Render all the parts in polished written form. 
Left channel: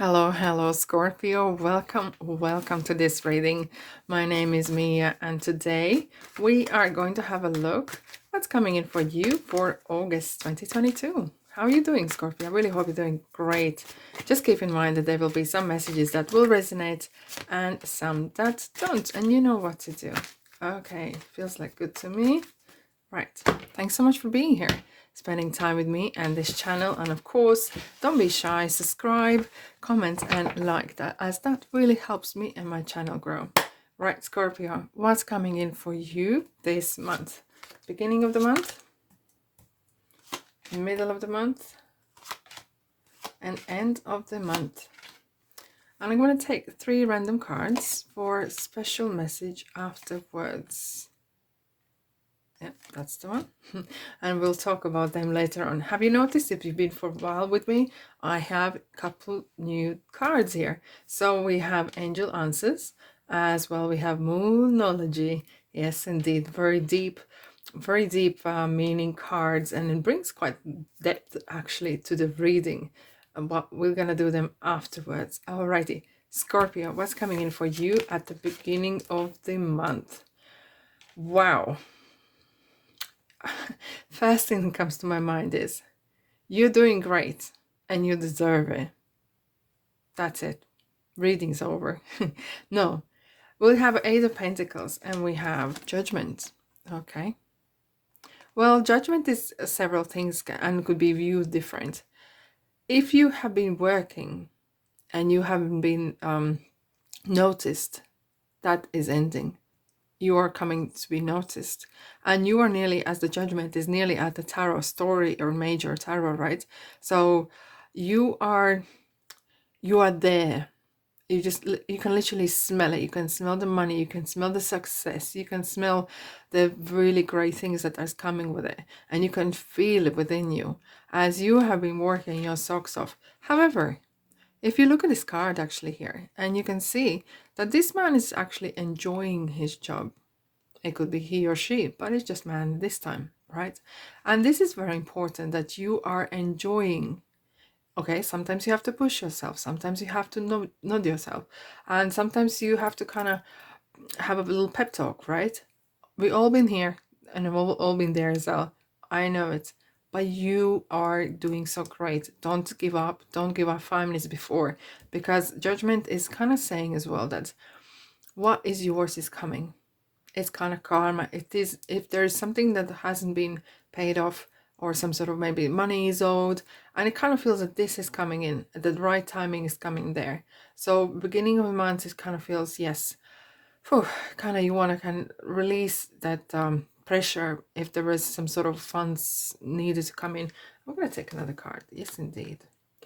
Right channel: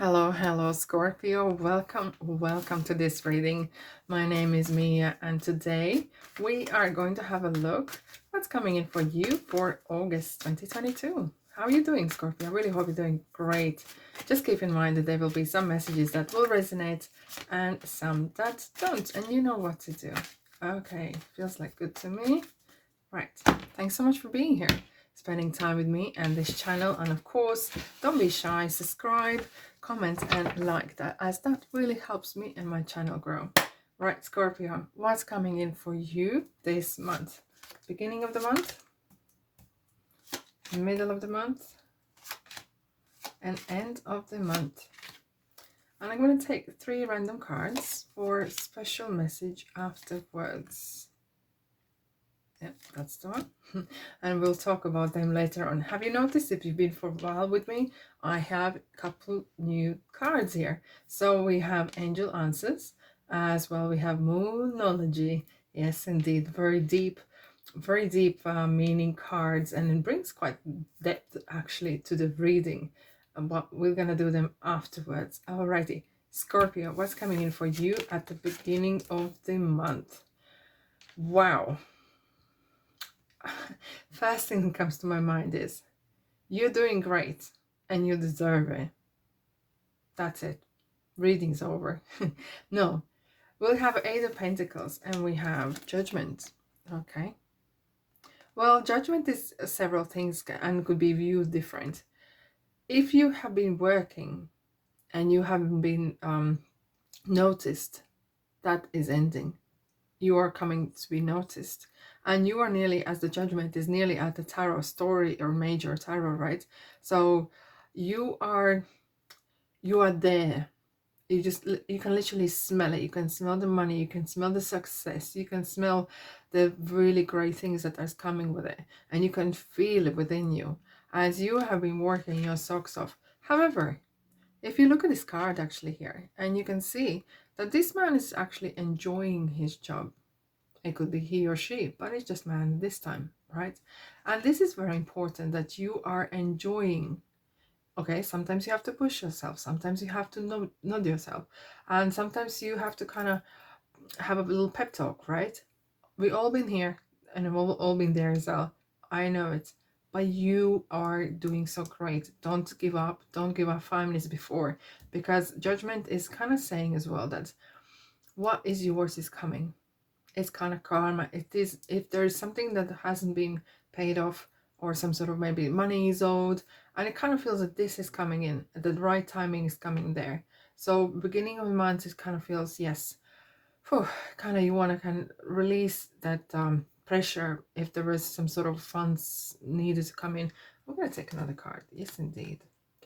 Hello, Scorpio. Welcome to this reading. My name is Mia, and today we are going to have a look what's coming in for you for August 2022. How are you doing, Scorpio? I really hope you're doing great. Just keep in mind that there will be some messages that will resonate and some that don't, and you know what to do. Okay, feels like good to me. Right. Thanks so much for being here, spending time with me and this channel. And of course, don't be shy, subscribe, comment, and like that, as that really helps me and my channel grow. Right, Scorpio, what's coming in for you this month? Beginning of the month, middle of the month, and end of the month. And I'm going to take 3 random cards for special message afterwards. Yeah, that's the one. And we'll talk about them later on. Have you noticed, if you've been for a while with me, I have a couple new cards here. So we have Angel Answers, as well we have Moonology. Yes, indeed, very deep meaning cards, and it brings quite depth actually to the reading. But we're gonna do them afterwards. Alrighty, Scorpio, what's coming in for you at the beginning of the month? Wow. First thing that comes to my mind is you're doing great and you deserve it. That's it. Reading's over. No, we have 8 of Pentacles and we have Judgment. Okay. Well, Judgment is several things and could be viewed different. If you have been working and you haven't been noticed, that is ending. You are coming to be noticed, and you are nearly, as the Judgment is nearly at the tarot story or major tarot, right? So you are there. You can literally smell it. You can smell the money, you can smell the success, you can smell the really great things that are coming with it, and you can feel it within you as you have been working your socks off. However, if you look at this card actually here, and you can see that this man is actually enjoying his job. It could be he or she, but it's just man this time, right? And this is very important, that you are enjoying. Okay, sometimes you have to push yourself, sometimes you have to nod yourself, and sometimes you have to kind of have a little pep talk, right? We all been here, and we've all been there as well. I know it, but you are doing so great. Don't give up. Don't give up 5 minutes before, because Judgment is kind of saying as well that what is yours is coming. It's kind of karma. It is, if there's something that hasn't been paid off, or some sort of maybe money is owed, and it kind of feels that this is coming in, the right timing is coming there. So beginning of the month, it kind of feels, yes, kind of you want to kind of release that pressure if there is some sort of funds needed to come in. I'm going to take another card. Yes, indeed.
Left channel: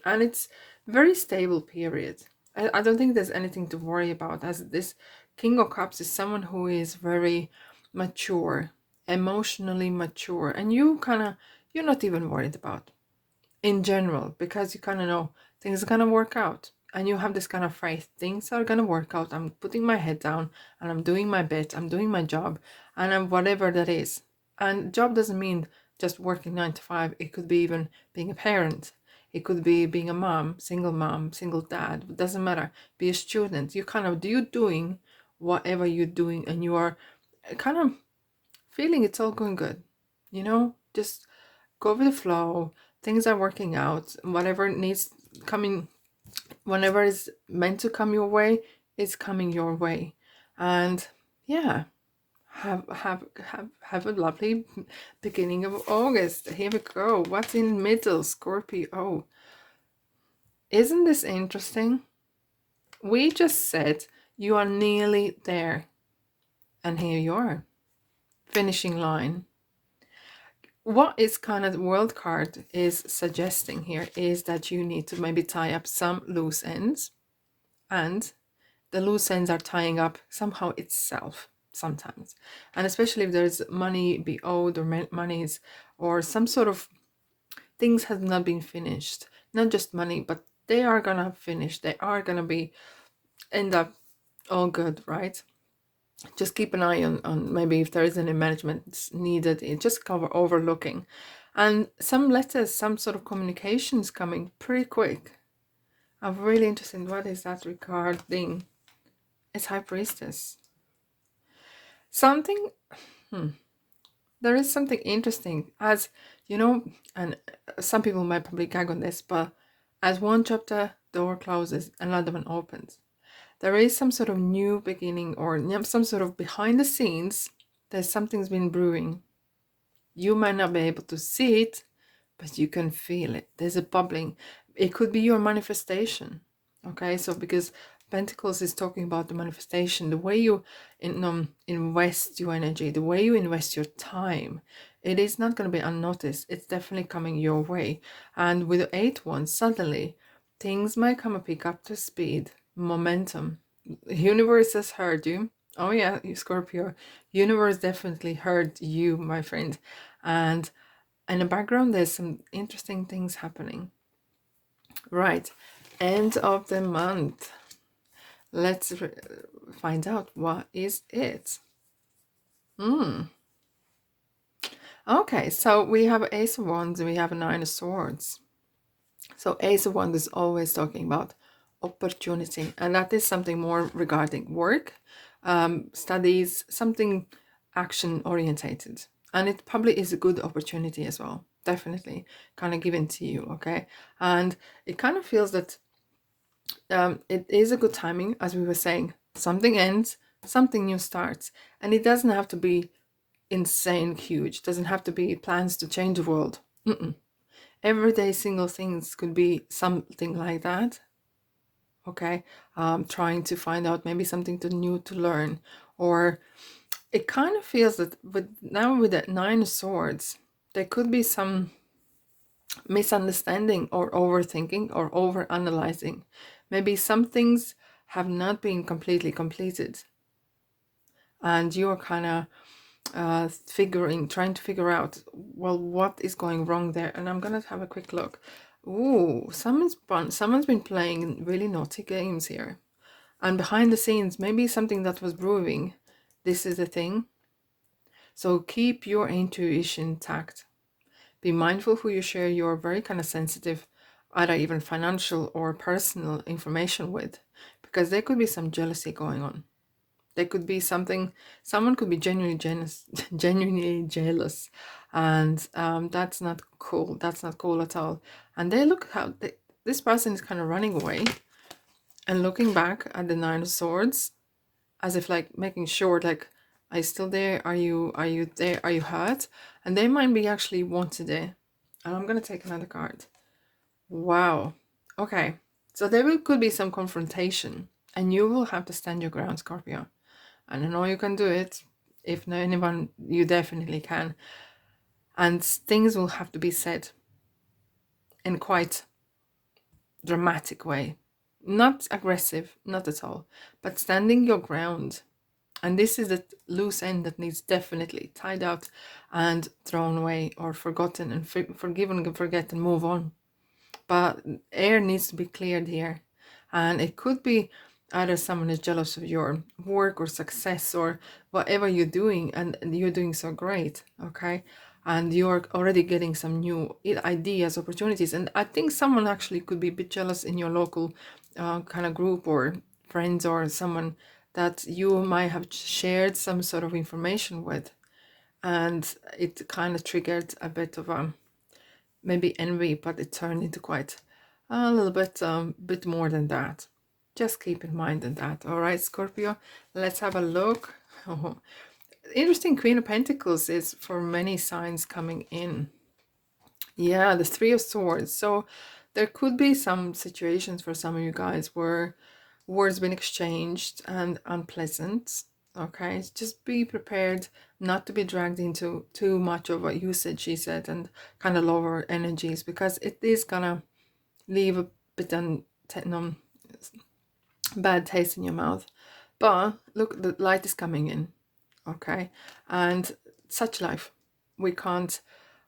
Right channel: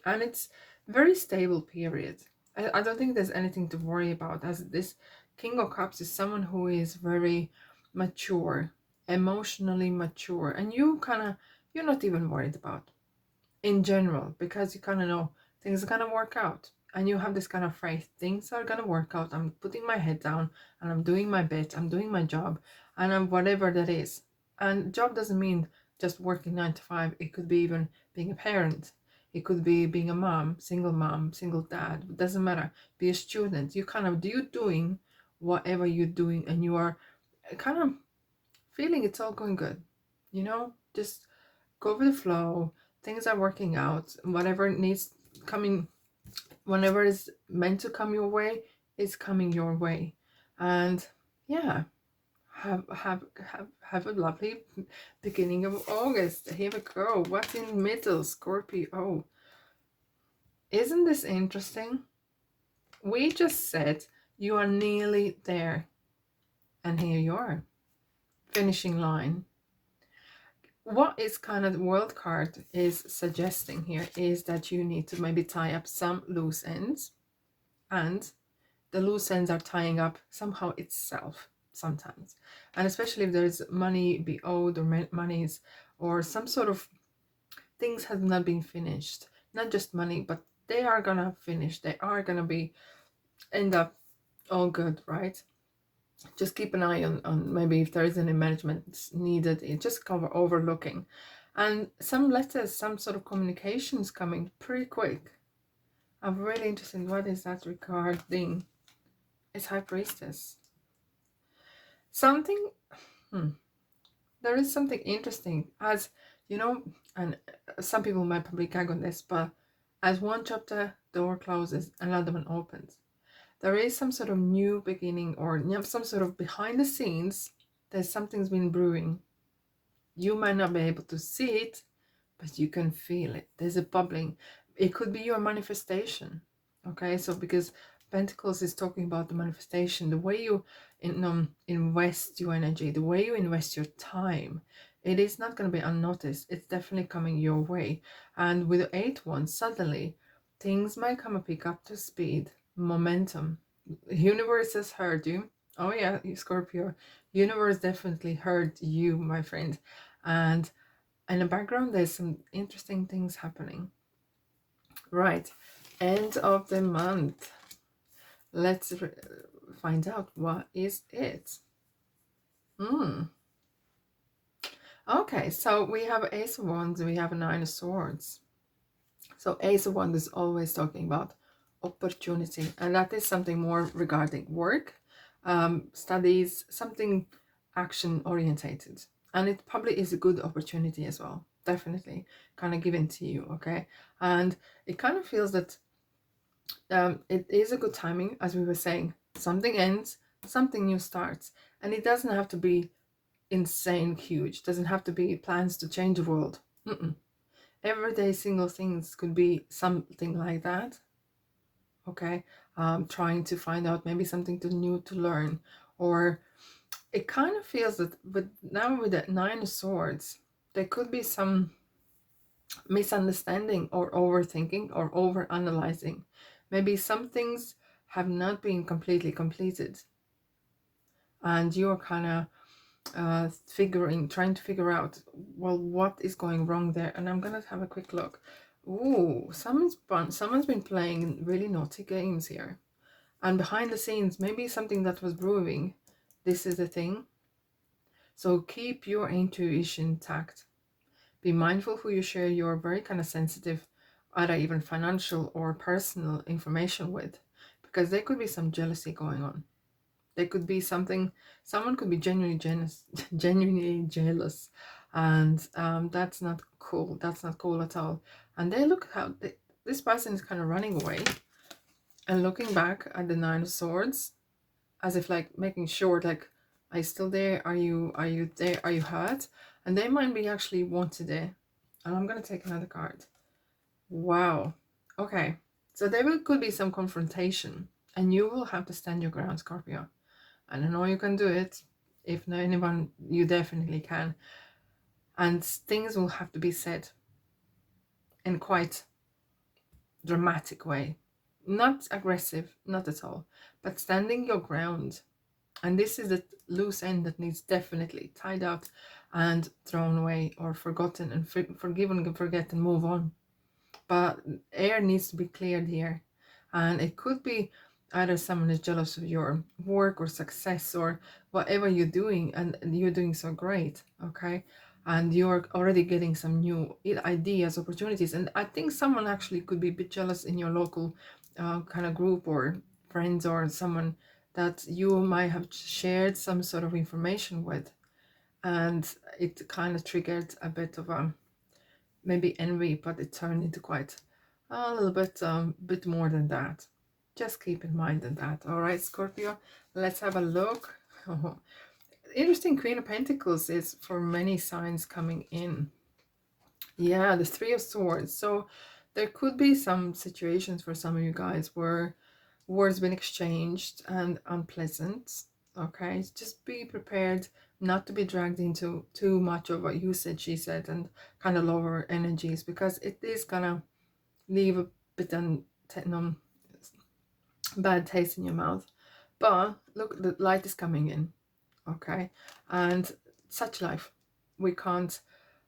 And it's very stable period. I don't think there's anything to worry about, as this King of Cups is someone who is very mature, emotionally mature, and you're not even worried about in general, because you kind of know things are gonna work out, and you have this kind of faith things are gonna work out. I'm putting my head down and I'm doing my bit, I'm doing my job, and I'm whatever that is. And job doesn't mean just working 9 to 5. It could be even being a parent, it could be being a mom, single dad, it doesn't matter. Be a student. You're doing whatever you're doing, and you are kind of feeling it's all going good, just go with the flow. Things are working out. Whatever needs coming, whenever is meant to come your way, it's coming your way. And yeah, have a lovely beginning of August. Here we go. What's in middle, Scorpio? Oh, isn't this interesting? We just said you are nearly there, and here you are, finishing line. What is kind of the world card is suggesting here is that you need to maybe tie up some loose ends, and the loose ends are tying up somehow itself sometimes, and especially if there's money be owed, or monies, or some sort of things have not been finished, not just money, but they are gonna finish, they are gonna be end up all good, right? Just keep an eye on maybe if there is any management needed, it just cover overlooking. And some letters, some sort of communications coming pretty quick. I'm really interested in what is that regarding. It's High Priestess. Something, there is something interesting, as you know, and some people might probably gag on this, but as one chapter door closes, another one opens. There is some sort of new beginning, or some sort of behind the scenes, there's something's been brewing. You might not be able to see it, but you can feel it. There's a bubbling. It could be your manifestation. Okay, so because Pentacles is talking about the manifestation, the way you invest your energy, the way you invest your time, it is not going to be unnoticed. It's definitely coming your way. And with the 8th one, suddenly things might come and pick up to speed, momentum. The universe has heard you. Oh yeah, you Scorpio. Universe definitely heard you, my friend. And in the background, there's some interesting things happening. Right, end of the month. Let's find out what is it. Okay, so we have Ace of Wands and we have a Nine of Swords. So Ace of Wands is always talking about opportunity, and that is something more regarding work, studies, something action orientated. And it probably is a good opportunity as well, definitely kind of given to you. Okay, and it kind of feels that it is a good timing, as we were saying. Something ends, something new starts, and it doesn't have to be insane huge. It doesn't have to be plans to change the world. Everyday single things could be something like that. Okay, trying to find out maybe something new to learn, or it kind of feels that with the Nine of Swords, there could be some misunderstanding or overthinking or over analyzing. Maybe some things have not been completely completed, and you're kind of trying to figure out, well, what is going wrong there. And I'm gonna have a quick look. Ooh, someone's been playing really naughty games here, and behind the scenes, maybe something that was brewing. This is the thing. So keep your intuition intact. Be mindful who you share your very kind of sensitive, either even financial or personal information with, because there could be some jealousy going on. There could be someone could be genuinely jealous, genuinely jealous, and that's not cool. That's not cool at all. And they look how this person is kind of running away and looking back at the Nine of Swords, as if like making sure, like, are you still there? Are you there? Are you hurt? And they might be actually wanted there. And I'm gonna take another card. Wow. Okay. So could be some confrontation, and you will have to stand your ground, Scorpio. And I know you can do it. If no anyone, you definitely can. And things will have to be said in quite dramatic way. Not aggressive, not at all, but standing your ground. And this is the loose end that needs definitely tied out and thrown away or forgotten and forgiven and forget and move on. But air needs to be cleared here. And it could be either someone is jealous of your work or success or whatever you're doing, and you're doing so great, okay? And you're already getting some new ideas, opportunities. And I think someone actually could be a bit jealous in your local kind of group or friends, or someone that you might have shared some sort of information with. And it kind of triggered a bit of maybe envy, but it turned into quite a little bit more than that. Just keep in mind that. All right, Scorpio, let's have a look. Oh, interesting. Queen of Pentacles is for many signs coming in. Yeah, the Three of Swords. So there could be some situations for some of you guys where words been exchanged and unpleasant. Okay, just be prepared not to be dragged into too much of what you said, she said, and kind of lower energies, because it is gonna leave a bit bad taste in your mouth. But look, the light is coming in. Okay, and such life, we can't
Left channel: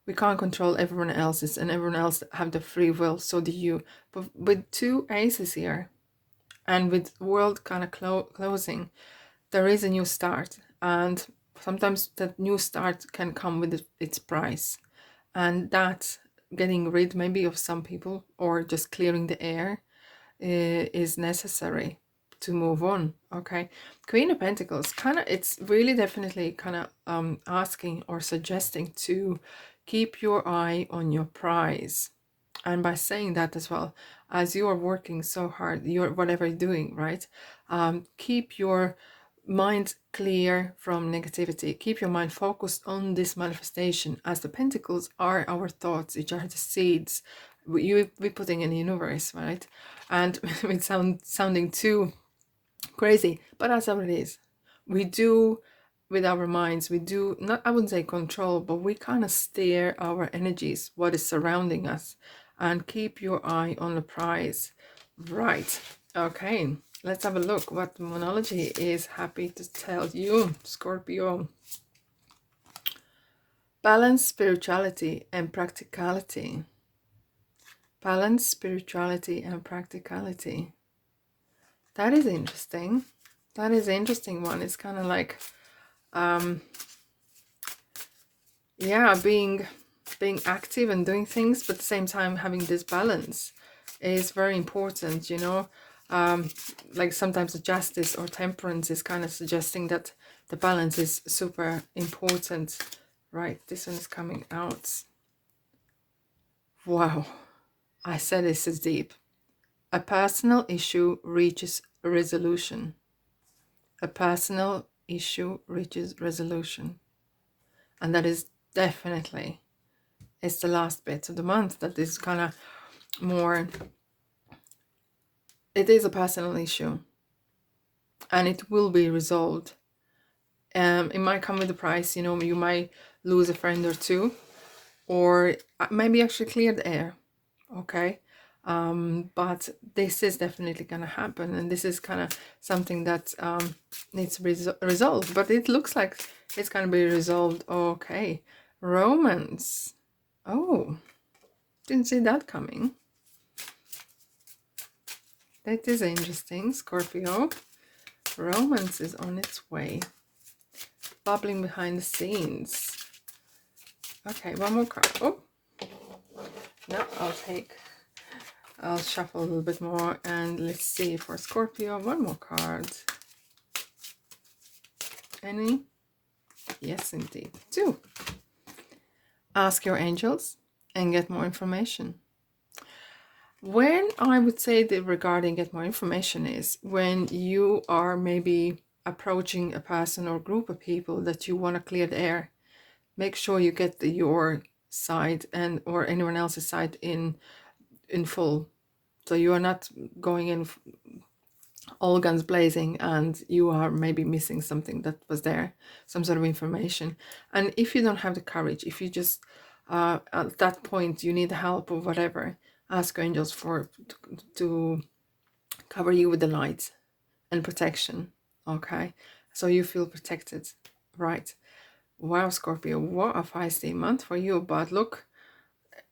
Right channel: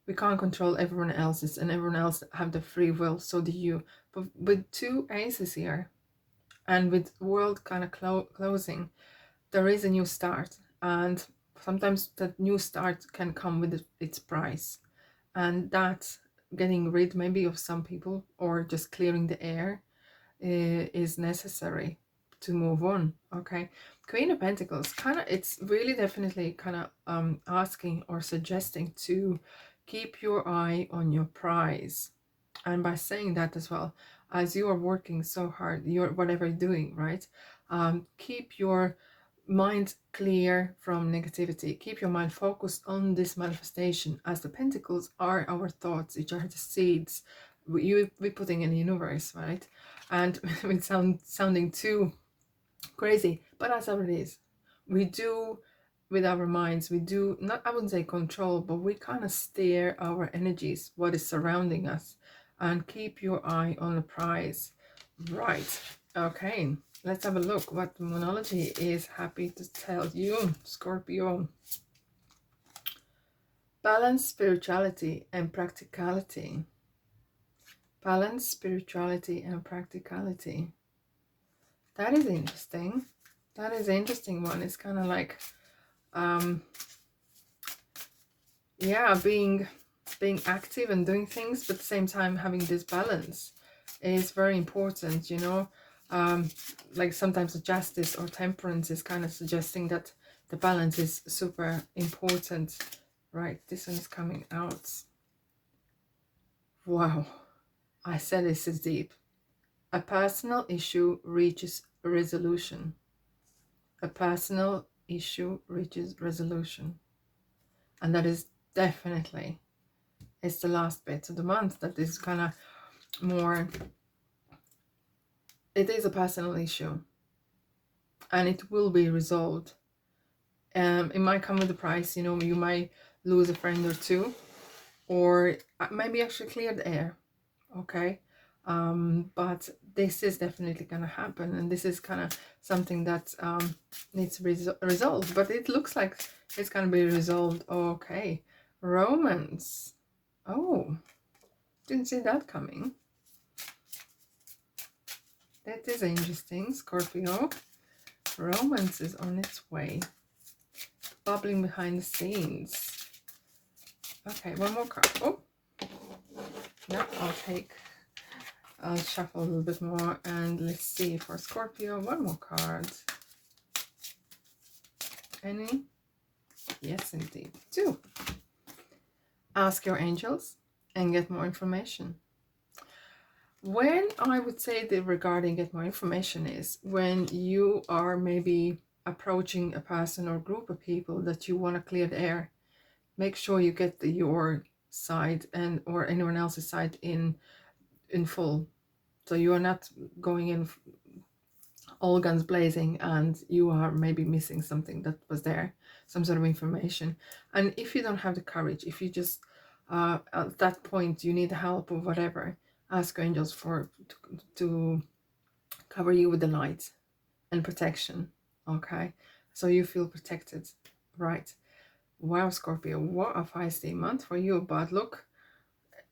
control everyone else's, and everyone else have the free will, so do you. But with two aces here, and with world kind of closing, there is a new start, and sometimes that new start can come with its price, and that's getting rid maybe of some people, or just clearing the air. is necessary to move on. Okay, Queen of Pentacles, kind of, it's really definitely kind of asking or suggesting to keep your eye on your prize. And by saying that as well, as you are working so hard, you're whatever you're doing, right, keep your mind clear from negativity. Keep your mind focused on this manifestation, as the pentacles are our thoughts, which are the seeds we're putting in the universe, right? And it sounding too crazy, but that's how it is. We do with our minds, we do not, I wouldn't say control, but we kind of steer our energies, what is surrounding us. And keep your eye on the prize. Right, okay, let's have a look what the Moonology is happy to tell you, Scorpio. Balance spirituality and practicality. Balance spirituality and practicality. That is interesting. That is an interesting one. It's kind of like, yeah, being active and doing things, but at the same time having this balance is very important, you know. Like sometimes the justice or temperance is kind of suggesting that the balance is super important. Right, this one is coming out. Wow, I said this is deep. A personal issue reaches resolution. A personal issue reaches resolution. And that is definitely, it's the last bit of the month that is kind of more, it is a personal issue. And it will be resolved. It might come with a price, you know, you might lose a friend or two. Or maybe actually clear the air. Okay. But this is definitely gonna happen, and this is kind of something that needs to be resolved, but it looks like it's gonna be resolved. Okay, romance. Oh, didn't see that coming. That is interesting, Scorpio. Romance is on its way, bubbling behind the scenes. Okay, one more card. Oh no, I'll shuffle a little bit more, and let's see for Scorpio, one more card. Any? Yes, indeed. 2. Ask your angels and get more information. When I would say that regarding get more information is when you are maybe approaching a person or group of people that you want to clear the air. Make sure you get your side and or anyone else's side in full. So you are not going in all guns blazing and you are maybe missing something that was there, some sort of information. And if you don't have the courage, if you just at that point you need help or whatever, ask your angels to cover you with the light and protection. Okay, so you feel protected. Right. Wow, Scorpio, what a feisty month for you. But look,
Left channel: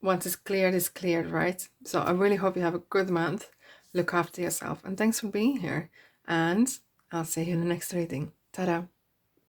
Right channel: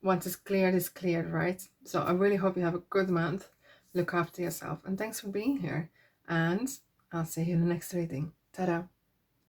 once it's cleared, right? So I really hope you have a good month. Look after yourself, and thanks for being here. And I'll see you in the next reading. Ta-da.